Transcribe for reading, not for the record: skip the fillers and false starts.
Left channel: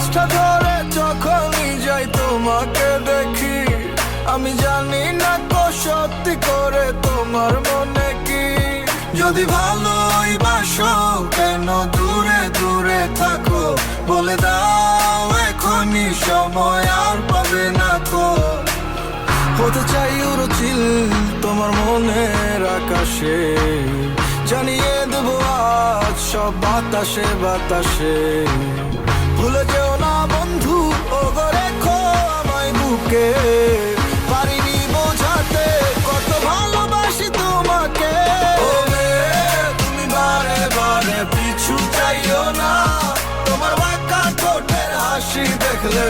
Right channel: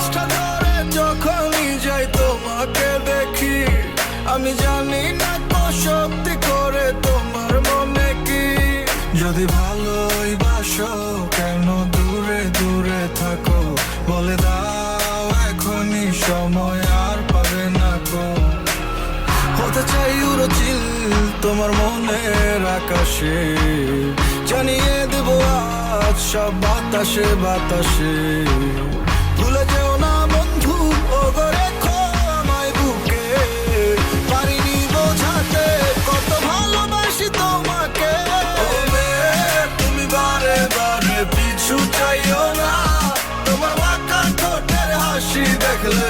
কাজটা ধরে যখনই যাই তোমাকে দেখি, আমি জানি না কো সত্যি করে তোমার মনে কি। যদি ভালোই বাসো কেন দূরে দূরে থাকো, বলে দাও এখনই সময় আর পাবে না কো। হতে চাই উড়োচিল তোমার মনের আকাশে, জানিয়ে দেবো আজ সব বাতাসে বাতাসে। ভুলে যেও না বন্ধু ও গো রেখো আমায় বুকে, পারিনি বোঝাতে কত ভালোবাসি তোমাকে। তুমি বারে বারে পিছু চাইও না, তোমার বাঁকা ঠোঁটের হাসি দেখলে